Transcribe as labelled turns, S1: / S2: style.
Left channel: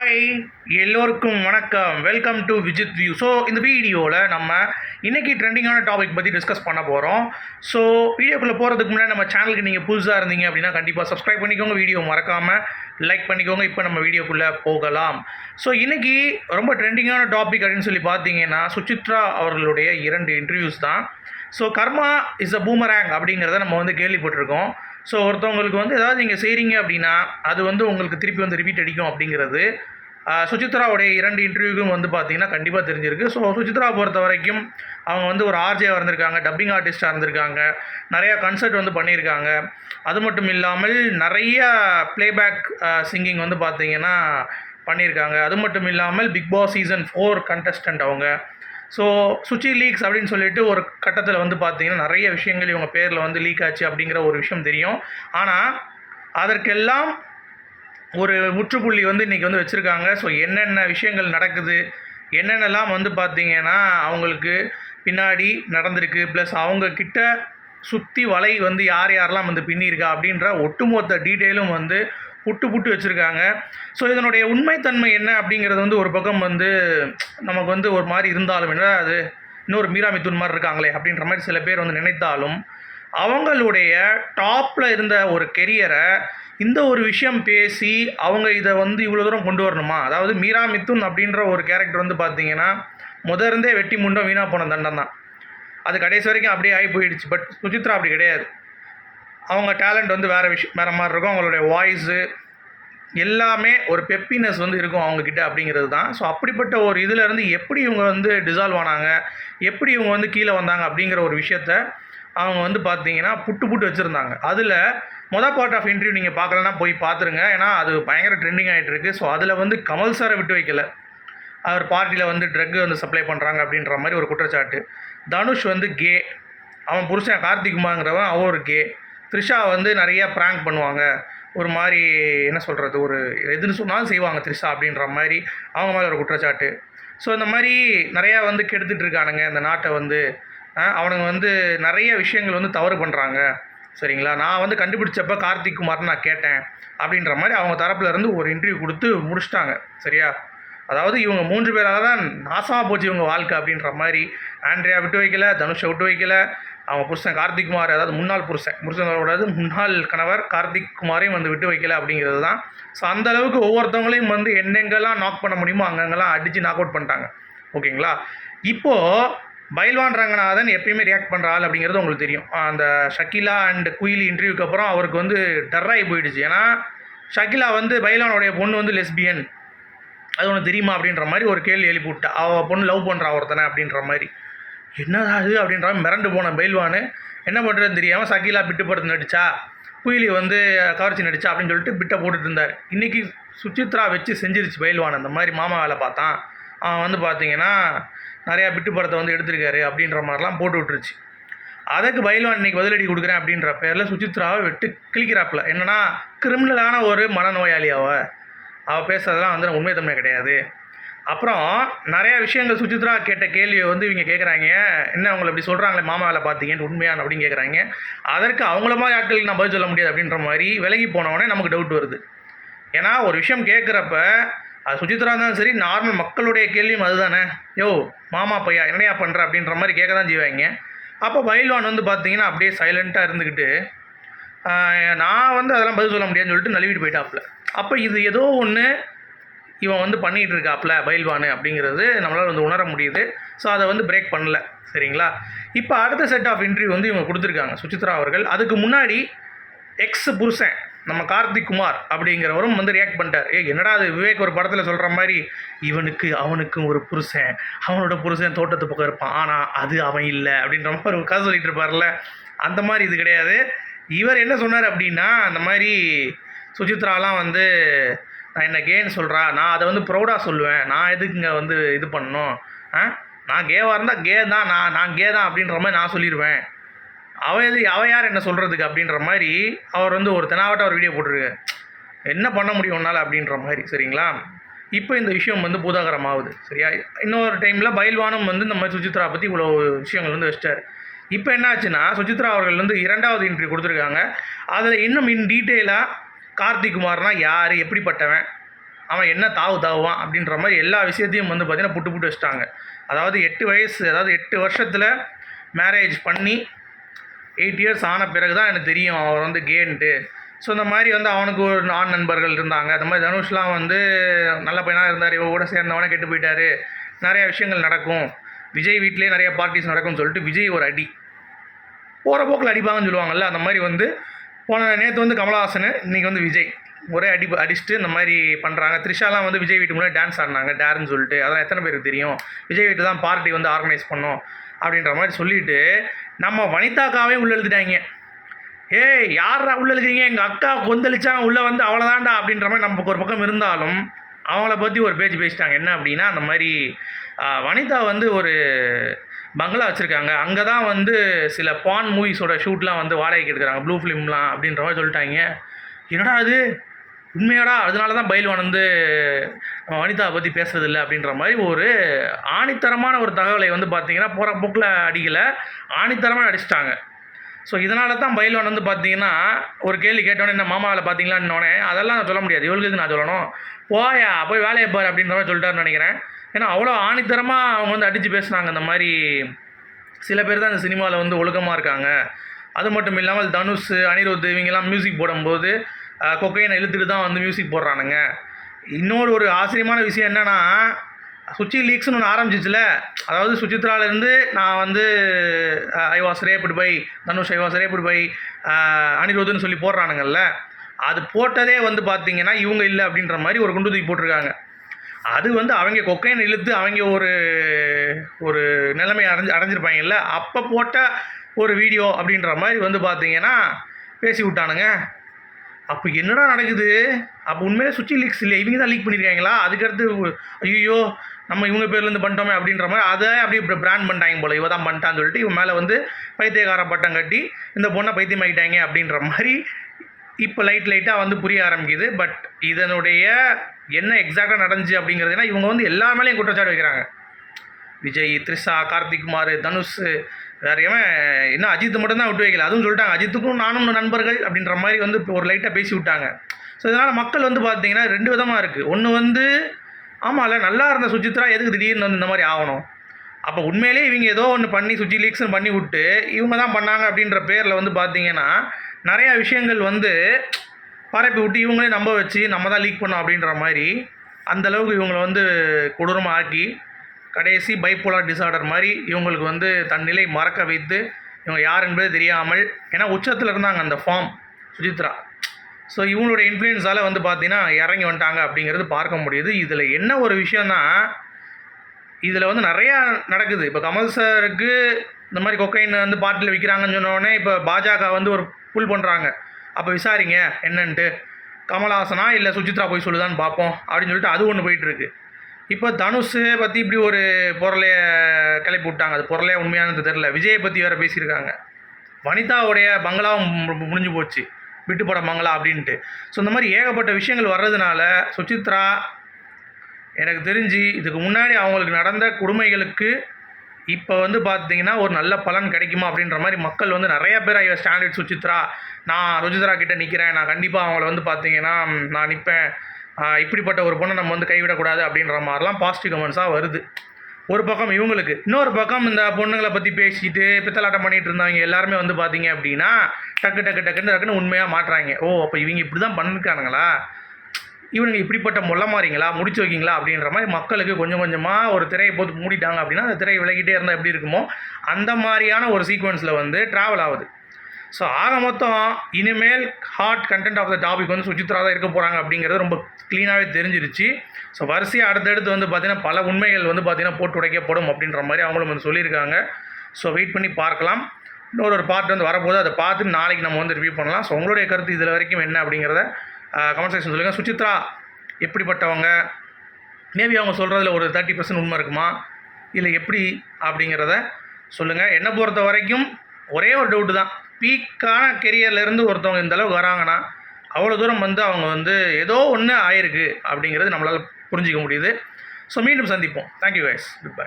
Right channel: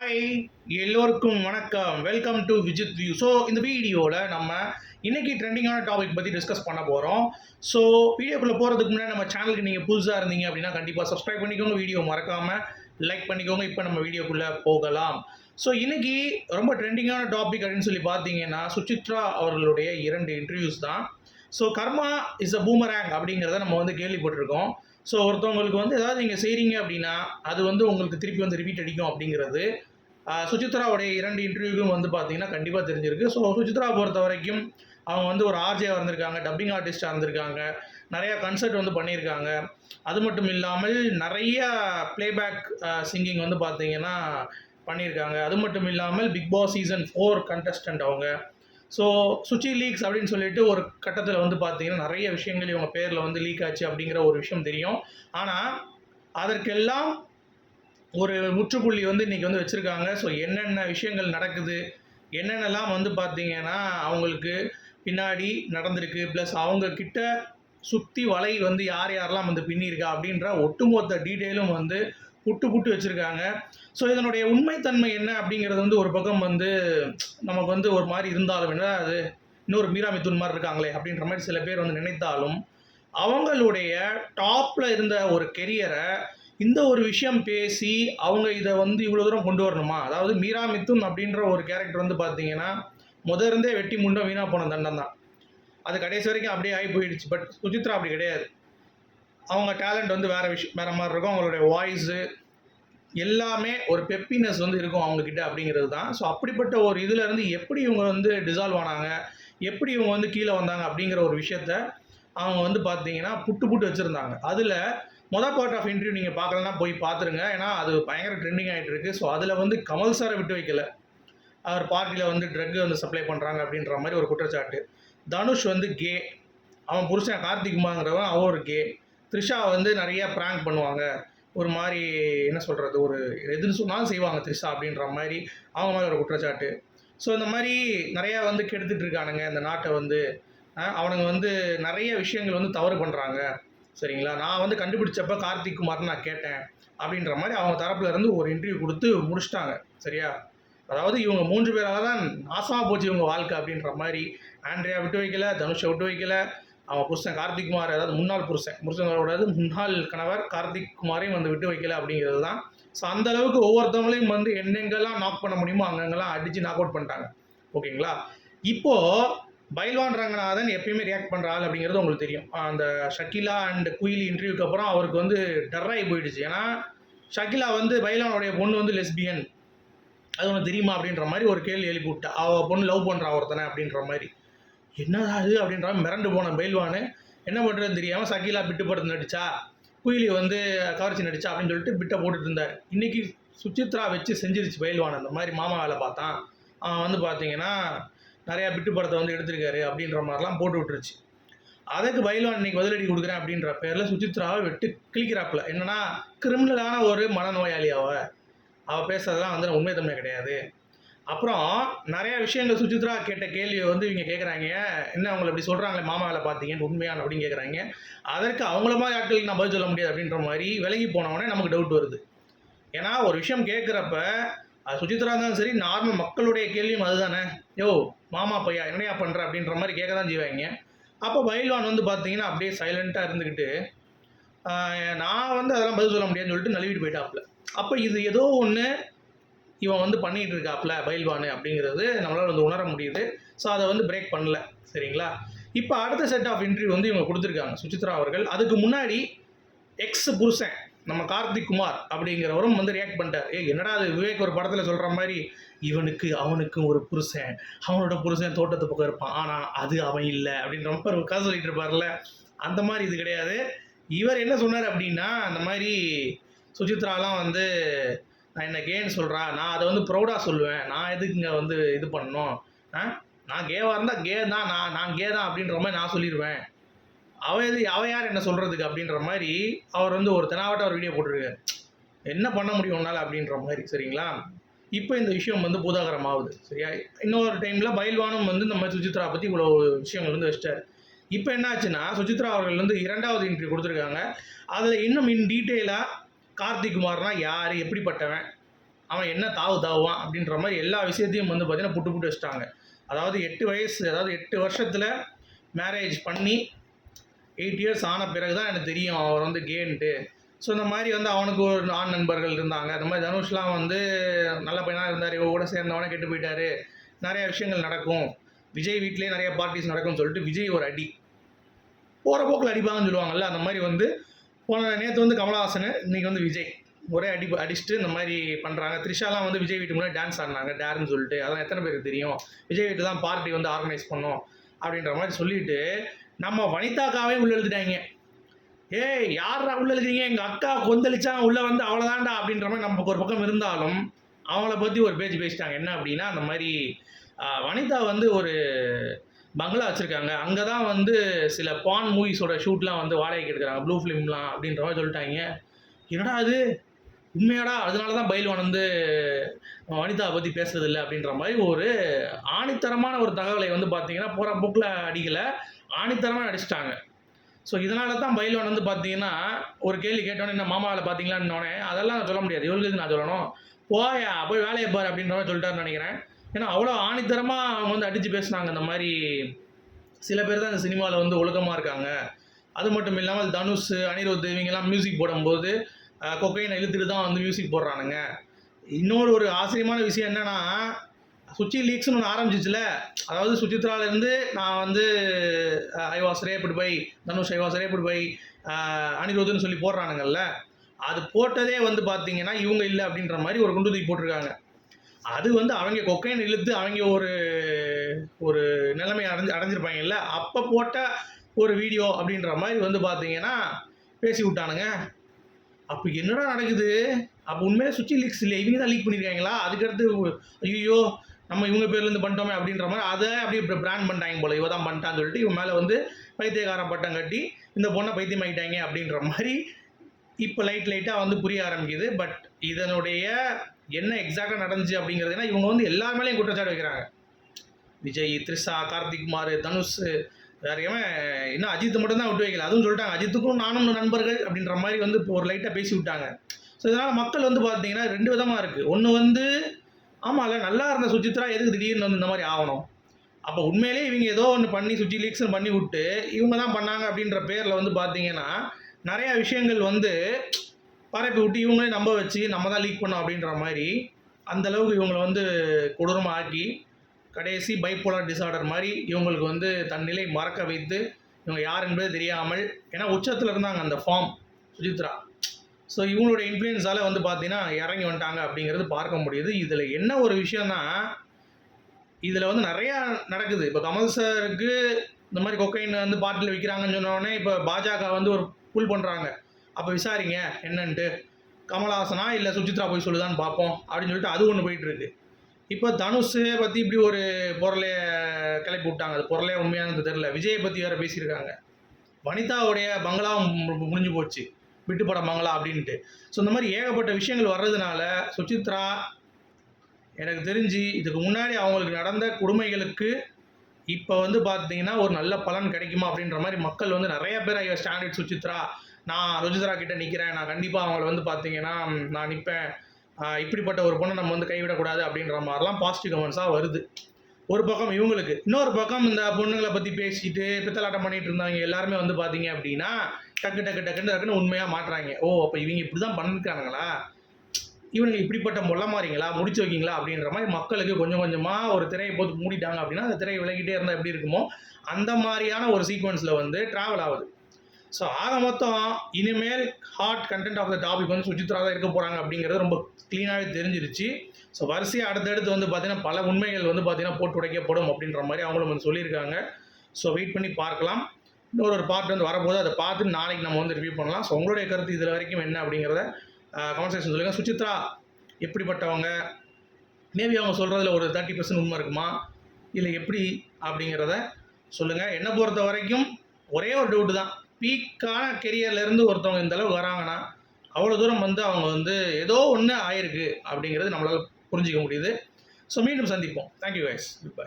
S1: Hi எல்லோருக்கும் வணக்கம். Welcome to Vijith view so இந்த வீடியோவில் நம்ம இன்றைக்கி ட்ரெண்டிங்கான டாபிக் பற்றி டிஸ்கஸ் பண்ண போகிறோம் ஸோ வீடியோக்குள்ளே போகிறதுக்கு முன்னாடி நம்ம சேனலுக்கு நீங்கள் புதுசாக இருந்தீங்க அப்படின்னா கண்டிப்பாக சப்ஸ்கிரைப் பண்ணிக்கோங்க. வீடியோ மறக்காமல் லைக் பண்ணிக்கோங்க. இப்போ நம்ம வீடியோக்குள்ளே போகலாம். ஸோ இன்றைக்கி ரொம்ப ட்ரெண்டிங்கான டாபிக் அப்படின்னு சொல்லி பார்த்தீங்கன்னா சுசித்ரா அவர்களுடைய இரண்டு இன்டர்வியூஸ் தான். So karma is a boomerang அப்படிங்கிறத நம்ம வந்து கேள்விப்பட்டிருக்கோம். ஸோ ஒருத்தவங்களுக்கு வந்து ஏதாவது நீங்கள் செய்கிறீங்க அப்படின்னா அது வந்து உங்களுக்கு திருப்பி வந்து ரிப்பீட் அடிக்கும் அப்படிங்கிறது. ஆஹ், சுசித்ராவுடைய இரண்டு இன்டர்வியூக்கும் வந்து பார்த்தீங்கன்னா கண்டிப்பாக தெரிஞ்சிருக்கு. ஸோ சுசித்ரா பொறுத்த வரைக்கும் அவங்க வந்து ஒரு ஆர்ஜேவாக இருந்திருக்காங்க டப்பிங் ஆர்டிஸ்டாக இருந்திருக்காங்க நிறையா கன்சர்ட் வந்து பண்ணியிருக்காங்க. அது மட்டும் இல்லாமல் நிறைய ப்ளேபேக் சிங்கிங் வந்து பார்த்தீங்கன்னா பண்ணியிருக்காங்க. அது மட்டும் இல்லாமல் Bigg Boss season four contestant அவங்க. ஸோ சுச்சி லீக்ஸ் அப்படின்னு சொல்லிட்டு ஒரு கட்டத்தில் வந்து பார்த்தீங்கன்னா நிறைய விஷயங்கள் இவங்க பேரில் வந்து லீக் ஆச்சு அப்படிங்கிற ஒரு விஷயம் தெரியும். ஆனால் அதற்கெல்லாம் ஒரு முற்றுப்புள்ளி வந்து இன்றைக்கி வந்து வச்சுருக்காங்க. ஸோ என்னென்ன விஷயங்கள் நடக்குது என்னென்னலாம் வந்து பார்த்திங்கன்னா அவங்களுக்கு பின்னாடி நடந்திருக்கு. ப்ளஸ் அவங்கக்கிட்ட சுற்றி வலை வந்து யார் யாரெல்லாம் வந்து பின்னியிருக்கா அப்படின்ற ஒட்டுமொத்த டீட்டெயிலும் வந்து புட்டு புட்டு வச்சுருக்காங்க. ஸோ இதனுடைய உண்மைத்தன்மை என்ன அப்படிங்கிறது வந்து ஒரு பக்கம் வந்து நமக்கு வந்து ஒரு மாதிரி இருந்தாலும் என்ன அது இன்னொரு மீராமித்துன் மாதிரி இருக்காங்களே அப்படின்ற மாதிரி சில பேர் வந்து நினைத்தாலும் அவங்களுடைய டாப்பில் இருந்த ஒரு கெரியரை இந்த ஒரு விஷயம் பேசி அவங்க இதை வந்து இவ்வளோ தூரம் கொண்டு வரணுமா? அதாவது மீராமித்துன் அப்படின்ற ஒரு கேரக்டர் வந்து பார்த்தீங்கன்னா முதலிருந்தே வெட்டி முண்டம் வீணாக போன தண்டம் தான். அது கடைசி வரைக்கும் அப்படியே ஆகி போயிடுச்சு பட் சுசித்ரா அப்படி கிடையாது. அவங்க டேலண்ட் வந்து வேறு விஷயம் வேறு மாதிரி இருக்கும். அவங்களுடைய வாய்ஸு எல்லாமே ஒரு பெப்பினஸ் வந்து இருக்கும் அவங்கக்கிட்ட அப்படிங்கிறது தான். ஸோ அப்படிப்பட்ட ஒரு இதிலேருந்து எப்படி இவங்க வந்து டிசால்வ் ஆனாங்க எப்படி இவங்க வந்து கீழே வந்தாங்க அப்படிங்கிற ஒரு விஷயத்த அவங்க வந்து பார்த்தீங்கன்னா புட்டு புட்டு வச்சுருந்தாங்க. அதில் மொதல் பார்ட் ஆஃப் இன்டர்வியூ நீங்கள் பார்க்கலன்னா போய் பார்த்துருங்க ஏன்னா அது பயங்கர ட்ரெண்டிங் ஆகிட்டு இருக்குது ஸோ அதில் வந்து கமல் சாரை விட்டு வைக்கல. அவர் பார்ட்டியில் வந்து ட்ரக் வந்து சப்ளை பண்ணுறாங்க அப்படின்ற மாதிரி ஒரு குற்றச்சாட்டு. தனுஷ் வந்து கே அவன் புருஷன் கார்த்திகுமாங்கிறவன் அவன் ஒரு கே த்ரிஷா வந்து நிறைய ப்ராங்க் பண்ணுவாங்க. ஒரு மாதிரி என்ன சொல்கிறது ஒரு எதுன்னு சொன்னாலும் செய்வாங்க த்ரிஷா அப்படின்ற மாதிரி அவங்க மேலே ஒரு குற்றச்சாட்டு. ஸோ இந்த மாதிரி நிறையா வந்து கெடுத்துட்டு இருக்கானுங்க இந்த நாட்டை வந்து. அவனுங்க வந்து நிறைய விஷயங்கள் வந்து தவறு பண்ணுறாங்க சரிங்களா? நான் வந்து கண்டுபிடிச்சப்ப கார்த்திக் குமார்னு நான் கேட்டேன். அப்படின்ற மாதிரி அவங்க தரப்பில் இருந்து ஒரு இன்டர்வியூ கொடுத்து முடிச்சிட்டாங்க. சரியா? அதாவது இவங்க மூன்று பேரால் தான் நாசமாக போச்சு இவங்க வாழ்க்கை அப்படின்ற மாதிரி. ஆண்ட்ரியா விட்டு வைக்கல தனுஷை விட்டு வைக்கல அவங்க புருஷன் கார்த்திக் குமார் அதாவது முன்னாள் புருஷன். புருஷனோடது முன்னாள் கணவர் கார்த்திக் குமாரையும் வந்து விட்டு வைக்கல அப்படிங்கிறது தான். ஸோ அந்த அளவுக்கு ஒவ்வொருத்தவங்களையும் வந்து எங்கெங்கெல்லாம் நாக் பண்ண முடியுமோ அங்கங்கெல்லாம் அடித்து நாக் அவுட் பண்ணிட்டாங்க. ஓகேங்களா? இப்போது பைல்வான் ரங்கநாதன் எப்பயுமே ரியாக்ட் பண்ணுற ஆள் அப்படிங்கிறது உங்களுக்கு தெரியும். அந்த ஷக்கிலா அண்ட் குயிலி இன்டர்வியூக்கு அப்புறம் அவருக்கு வந்து டர்ராகி போயிடுச்சு. ஏன்னா ஷக்கிலா வந்து பைல்வானுடைய பொண்ணு வந்து லெஸ்பியன் அது உனக்கு தெரியுமா அப்படின்ற மாதிரி ஒரு கேள்வி எழுப்பி விட்டா அவள் பொண்ணு லவ் பண்ணுறா ஒருத்தனை அப்படின்ற மாதிரி. என்னடா அது அப்படின்ற மிரண்டு போன பைல்வானு என்ன பண்ணுறதுன்னு தெரியாமல் சகிலா பிட்டு படத்து நடிச்சா குயிலி வந்து கவர்ச்சி நடிச்சா அப்படின்னு சொல்லிட்டு பிட்டை போட்டுட்டு இருந்தார். இன்றைக்கி சுச்சித்ரா வச்சு செஞ்சிருச்சு பயில்வான் அந்த மாதிரி மாமா வேலை பார்த்தான். அவன் வந்து பார்த்தீங்கன்னா நிறையா பிட்டு படத்தை வந்து எடுத்திருக்காரு அப்படின்ற மாதிரிலாம் போட்டு விட்டுருச்சு. அதுக்கு பயில்வான் இன்றைக்கி பதிலடி கொடுக்குறேன் அப்படின்ற பேரில் சுச்சித்ராவை விட்டு கிழிக்கிறாப்புல. என்னன்னா கிரிமினலான ஒரு மனநோயாளி அவள் அவள் பேசுறதெல்லாம் வந்து உண்மை தன்மை கிடையாது. அப்புறம் நிறைய விஷயங்கள் சுஜித்ரா கேட்ட கேள்வியை வந்து இவங்க கேட்குறாங்க என்ன அவங்கள இப்படி சொல்கிறாங்களே மாமா வேலை பார்த்தீங்கன்னு உண்மையான அப்படின்னு கேட்குறாங்க அதற்கு அவங்கள மாதிரி ஆட்களுக்கு நான் பதில் சொல்ல முடியாது அப்படின்ற மாதிரி விலகி போனவொடனே நமக்கு டவுட் வருது. ஏன்னா ஒரு விஷயம் கேட்குறப்ப அது சுஜித்ரா இருந்தாலும் சரி நார்மல் மக்களுடைய கேள்வியும் அதுதானே. யோ மாமா பையா என்னையா பண்ணுற அப்படின்ற மாதிரி கேட்க தான் செய்வாங்க. அப்போ பயில்வான் வந்து பார்த்தீங்கன்னா அப்படியே சைலண்ட்டாக இருந்துக்கிட்டு நான் வந்து அதெல்லாம் பதில் சொல்ல முடியாதுன்னு சொல்லிட்டு நழுவிட்டு போயிட்டாப்புல. அப்போ இது ஏதோ ஒன்று இவன் வந்து பண்ணிகிட்டு இருக்காப்ல பயில்வானு அப்படிங்கிறது நம்மளால் வந்து உணர முடியுது. ஸோ அதை வந்து பிரேக் பண்ணல. சரிங்களா? இப்போ அடுத்த செட் ஆஃப் இன்டர்வியூ வந்து இவங்க கொடுத்துருக்காங்க சுசித்ரா அவர்கள். அதுக்கு முன்னாடி எக்ஸ் புருஷன் நம்ம கார்த்திக் குமார் அப்படிங்கிறவரும் வந்து ரியாக்ட் பண்ணிட்டார். ஏ என்னடா அது விவேக் ஒரு படத்தில் சொல்கிற மாதிரி இவனுக்கு அவனுக்கும் ஒரு புருஷன். அவனோட புருஷன் தோட்டத்து பக்கம் இருப்பான். ஆனால் அது அவன் இல்லை அப்படின்ற மாதிரி ஒரு கதை சொல்லிட்டு இருப்பார்ல அந்த மாதிரி இது கிடையாது. இவர் என்ன சொன்னார் அப்படின்னா அந்த மாதிரி சுசித்ராலாம் வந்து நான் என்ன கேன்னு சொல்கிறா நான் அதை வந்து ப்ரௌடாக சொல்லுவேன். நான் எதுக்குங்க வந்து இது பண்ணணும்? ஆ? நான் கேவாக இருந்தால் கே தான். நான் நான் கே தான் அப்படின்ற மாதிரி நான் சொல்லிடுவேன் அவன் எது அவ யார் என்ன சொல்கிறதுக்கு அப்படின்ற மாதிரி அவர் வந்து ஒரு தெனாவட்ட ஒரு வீடியோ போட்டிருக்கு என்ன பண்ண முடியும் உன்னால் அப்படின்ற மாதிரி சரிங்களா? இப்போ இந்த விஷயம் வந்து பூதாகரம் ஆகுது சரியா? இன்னொரு டைமில் பயில்வானும் வந்து இந்த மாதிரி சுஜித்ரா பற்றி இவ்வளோ விஷயங்கள் வந்து வச்சிட்டார். இப்போ என்ன ஆச்சுன்னா சுஜித்ரா அவர்கள் வந்து இரண்டாவது இன்ட்ரி கொடுத்துருக்காங்க. அதில் இன்னும் இன் டீட்டெயிலாக கார்த்திக் குமார்னா யார்? எப்படிப்பட்டவன்? அவன் என்ன தாவு தாவுவான்? அப்படின்ற மாதிரி எல்லா விஷயத்தையும் வந்து பார்த்திங்கன்னா புட்டு புட்டு வச்சுட்டாங்க. அதாவது எட்டு வயசு அதாவது எட்டு வருஷத்தில் மேரேஜ் பண்ணி எயிட் இயர்ஸ் ஆன பிறகு தான் எனக்கு தெரியும் அவர் வந்து கேன்ட்டு ஸோ இந்த மாதிரி வந்து அவனுக்கு ஒரு ஆண் நண்பர்கள் இருந்தாங்க. அந்த மாதிரி தனுஷ்லாம் வந்து நல்ல பையனாக இருந்தார். இவ கூட சேர்ந்தவனே கெட்டு போயிட்டார். நிறைய விஷயங்கள் நடக்கும். விஜய் வீட்டிலே நிறைய பார்ட்டிஸ் நடக்கும்னு சொல்லிட்டு விஜய் ஒரு அடி. போகிற போக்கில் அடிப்பாங்கன்னு சொல்லுவாங்கல்ல அந்த மாதிரி வந்து போன நேற்று வந்து கமலஹாசன் இன்றைக்கி வந்து விஜய். ஒரே அடி அடிச்சுட்டு இந்த மாதிரி பண்ணுறாங்க த்ரிஷாலாம் வந்து விஜய் வீட்டு முன்னாடி டான்ஸ் ஆடினாங்க டேர்னு சொல்லிட்டு. அதெல்லாம் எத்தனை பேருக்கு தெரியும்? விஜய் வீட்டு தான் பார்ட்டி வந்து ஆர்கனைஸ் பண்ணோம் அப்படின்ற மாதிரி சொல்லிட்டு நம்ம வனிதாக்காவே உள்ள எழுதிட்டாங்க ஏய் யாரா உள்ள எழுதுறீங்க எங்கள் அக்கா கொந்தளிச்சாங்க உள்ளே வந்து அவ்வளோதான்டா அப்படின்ற மாதிரி நமக்கு ஒரு பக்கம் இருந்தாலும் அவங்கள பற்றி ஒரு பேச்சு பேசிட்டாங்க. என்ன அப்படின்னா அந்த மாதிரி வனிதா வந்து ஒரு பங்களா வச்சுருக்காங்க. அங்கே தான் வந்து சில பான் மூவிஸோட ஷூட்லாம் வந்து வாடகைக்கு எடுக்கிறாங்க. ப்ளூ ஃபிலிம்லாம் அப்படின்ற மாதிரி சொல்லிட்டாங்க. என்னடா அது? உண்மையாடா? அதனால தான் பயில்வான் வந்து நம்ம வனிதாவை பற்றி பேசுறதில்லை அப்படின்ற மாதிரி ஒரு ஆணித்தரமான ஒரு தகவலை வந்து பார்த்தீங்கன்னா போகிற போக்கில் அடிக்கலை. ஆணித்தரமாக அடிச்சிட்டாங்க ஸோ இதனால தான் பயில்வான் வந்து பார்த்தீங்கன்னா ஒரு கேள்வி கேட்டோன்னே என்ன மாமாவில் பார்த்தீங்களான்னு அதெல்லாம் நான் சொல்ல முடியாது. இவங்களுக்கு நான் சொல்லணும்? போயா? போய் வேலையை பாரு அப்படின்ற மாதிரி சொல்லிட்டாருன்னு நினைக்கிறேன். ஏன்னா அவ்வளோ ஆணித்தரமாக அவங்க வந்து அடித்து பேசுனாங்க இந்த மாதிரி. சில பேர் தான் இந்த சினிமாவில் வந்து ஒழுக்கமாக இருக்காங்க. அது மட்டும் இல்லாமல் தனுஷ் அனிருத் இவங்கெல்லாம் மியூசிக் போடும்போது கொக்கைனை இழுத்துட்டு தான் வந்து மியூசிக் போடுறானுங்க. இன்னொரு ஒரு ஆச்சரியமான விஷயம் என்னென்னா சுச்சி லீக்ஸ்னு ஒன்று ஆரம்பிச்சிச்சுல. அதாவது சுச்சித்ராலேருந்து நான் வந்து I was raped by Dhanush I was raped by அனிருத்னு சொல்லி போடுறானுங்கல்ல. அது போட்டதே வந்து பார்த்தீங்கன்னா இவங்க இல்லை அப்படின்ற மாதிரி ஒரு குண்டு தூக்கி போட்டிருக்காங்க. அது வந்து அவங்க கொக்கைன் இழுத்து அவங்க ஒரு ஒரு நிலைமை அடைஞ்சு அடைஞ்சிருப்பாங்கல்ல அப்போ போட்ட ஒரு வீடியோ அப்படின்ற மாதிரி வந்து பார்த்தீங்கன்னா பேசி விட்டானுங்க. அப்போ என்னடா நடக்குது? அப்போ உண்மையிலே சுச்சி லீக்ஸ் இல்லை இவங்க தான் லீக் பண்ணியிருக்காங்களா அதுக்கடுத்து ஐயோ நம்ம இவங்க பேர்லேருந்து பண்ணிட்டோமே அப்படின்ற மாதிரி அதை அப்படியே பிராண்ட் பண்ணிட்டாங்க போல. இவ தான் பண்ணிட்டான்னு சொல்லிட்டு இவன் மேலே வந்து பைத்தியக்கார பட்டம் கட்டி இந்த பொண்ணை பைத்தியமாக்கிட்டாங்க அப்படின்ற மாதிரி இப்போ லைட் லைட்டாக வந்து புரிய ஆரம்பிக்குது. பட் இதனுடைய என்ன எக்ஸாக்டாக நடந்துச்சு அப்படிங்கிறதுனா இவங்க வந்து எல்லா மேலேயும் குற்றச்சாட்டு வைக்கிறாங்க. விஜய் த்ரிஷா கார்த்திக் குமார் தனுஷ் வேற எவன் இன்னும் அஜித் மட்டும்தான் விட்டு வைக்கல. அதுவும் சொல்லிட்டாங்க அஜித்துக்கும் நானும் நண்பர்கள் அப்படின்ற மாதிரி வந்து ஒரு லைட்டாக பேசி விட்டாங்க. ஸோ இதனால் மக்கள் வந்து பார்த்தீங்கன்னா ரெண்டு விதமாக இருக்குது ஒன்று வந்து ஆமாம்ல நல்லா இருந்த சுஜித்ரா எதுக்கு திடீர்னு வந்து இந்த மாதிரி ஆகணும்? அப்போ உண்மையிலேயே இவங்க ஏதோ ஒன்று பண்ணி சுச்சி லீக்ஸ்னு பண்ணி விட்டு இவங்க தான் பண்ணாங்க அப்படின்ற பேரில் வந்து பார்த்தீங்கன்னா நிறையா விஷயங்கள் வந்து பரப்பி விட்டு இவங்களே நம்ப வச்சு நம்ம தான் லீக் பண்ணோம் அப்படின்ற மாதிரி அந்தளவுக்கு இவங்களை வந்து கொடூரமாக ஆக்கி கடைசி பைப்போலார் டிசார்டர் மாதிரி இவங்களுக்கு வந்து தன் நிலை மறக்க வைத்து இவங்க யார் என்பது தெரியாமல் ஏன்னா உச்சத்தில் இருந்தாங்க அந்த ஃபார்ம் சுஜித்ரா. ஸோ இவங்களோட இன்ஃப்ளூயன்ஸால் வந்து பார்த்தீங்கன்னா இறங்கி வந்துட்டாங்க அப்படிங்கிறது பார்க்க முடியுது. இதில் என்ன ஒரு விஷயம்னா இதில் வந்து நிறையா நடக்குது. இப்போ கமல் சாருக்கு இந்த மாதிரி கொக்கைன் வந்து பாட்டில் விற்கிறாங்கன்னு சொன்னோடனே இப்போ பாஜக வந்து ஒரு புல் பண்ணுறாங்க அப்போ விசாரிங்க என்னன்ட்டு. கமலஹாசனா இல்லை சுஜித்ரா போய் சொல்லுதான்னு பார்ப்போம் அப்படின்னு சொல்லிட்டு அது ஒன்று போயிட்டுருக்கு இப்போ தனுஷை பற்றி இப்படி ஒரு பொருளைய கிளப்பி விட்டாங்க. அது பொருளே உண்மையானது தெரில விஜயை பற்றி வேறு பேசியிருக்காங்க. வனிதாவுடைய பங்களாவும் மு- முடிஞ்சு போச்சு. விட்டுப்பட பங்களா அப்படின்ட்டு. ஸோ இந்த மாதிரி ஏகப்பட்ட விஷயங்கள் வர்றதுனால சுசித்ரா எனக்கு தெரிஞ்சு இதுக்கு முன்னாடி அவங்களுக்கு நடந்த கொடுமைகளுக்கு இப்போ வந்து பார்த்தீங்கன்னா ஒரு நல்ல பலன் கிடைக்குமா அப்படின்ற மாதிரி மக்கள் வந்து நிறைய பேர் ஐயோ ஸ்டாண்டர்ட் சுசித்ரா நான் ருஜித்ரா கிட்டே நிற்கிறேன் நான் கண்டிப்பாக அவங்கள வந்து பார்த்தீங்கன்னா நான் நிற்பேன் இப்படிப்பட்ட ஒரு பொண்ணை நம்ம வந்து கைவிடக்கூடாது அப்படின்ற மாதிரிலாம் பாசிட்டிவ் கமெண்ட்ஸாக வருது. ஒரு பக்கம் இவங்களுக்கு. இன்னொரு பக்கம் இந்த பொண்ணுங்களை பற்றி பேசிட்டு பித்தலாட்டம் பண்ணிகிட்டு இருந்தவங்க எல்லாருமே வந்து பார்த்தீங்க அப்படின்னா டக்கு டக்கு டக்குன்னு டக்குன்னு உண்மையாக மாட்டுறாங்க. ஓ அப்போ இவங்க இப்படி தான் பண்ணிருக்கானுங்களா? இவனுங்க இப்படிப்பட்ட மொல்ல மாறிங்களா? முடிச்சு வைக்கீங்களா? அப்படின்ற மாதிரி மக்களுக்கு கொஞ்சம் கொஞ்சமாக ஒரு திரையை போட்டு மூடிட்டாங்க அப்படின்னா அந்த திரையை விலகிட்டே இருந்தால் எப்படி இருக்குமோ அந்த மாதிரியான ஒரு சீக்வன்ஸில் வந்து ட்ராவல் ஆகுது. ஸோ ஆக மொத்தம் இனிமேல் hot content of the topic வந்து சுஜித்ரா தான் இருக்க போகிறாங்க அப்படிங்கிறது ரொம்ப க்ளீனாகவே தெரிஞ்சிருச்சு. ஸோ வரிசையாக அடுத்தடுத்து வந்து பார்த்திங்கன்னா பல உண்மைகள் வந்து பார்த்திங்கன்னா போட்டு உடைக்கப்படும் அப்படின்ற மாதிரி அவங்களும் வந்து சொல்லியிருக்காங்க. ஸோ வெயிட் பண்ணி பார்க்கலாம். இன்னொரு ஒரு பார்ட் வந்து வரப்போது அதை பார்த்து நாளைக்கு நம்ம வந்து ரிவ்யூ பண்ணலாம். ஸோ உங்களுடைய கருத்து இதில் வரைக்கும் என்ன அப்படிங்கிறத கமெண்ட் செக்ஷன் சொல்லுங்கள் சுச்சித்ரா எப்படிப்பட்டவங்க? மேபி அவங்க சொல்கிறதுல ஒரு தேர்ட்டி பர்சன்ட் உண்மை இருக்குமா? இல்லை எப்படி அப்படிங்கிறத சொல்லுங்கள் என்னை பொறுத்த வரைக்கும் ஒரே ஒரு டவுட்டு தான். பீக்கான கெரியர்லேருந்து ஒருத்தவங்க இந்தளவுக்கு வராங்கன்னா அவ்வளோ தூரம் வந்து அவங்க வந்து ஏதோ ஒன்று ஆயிருக்கு அப்படிங்கிறது நம்மளால் புரிஞ்சிக்க முடியுது. ஸோ மீண்டும் சந்திப்போம். Thank you guys good bye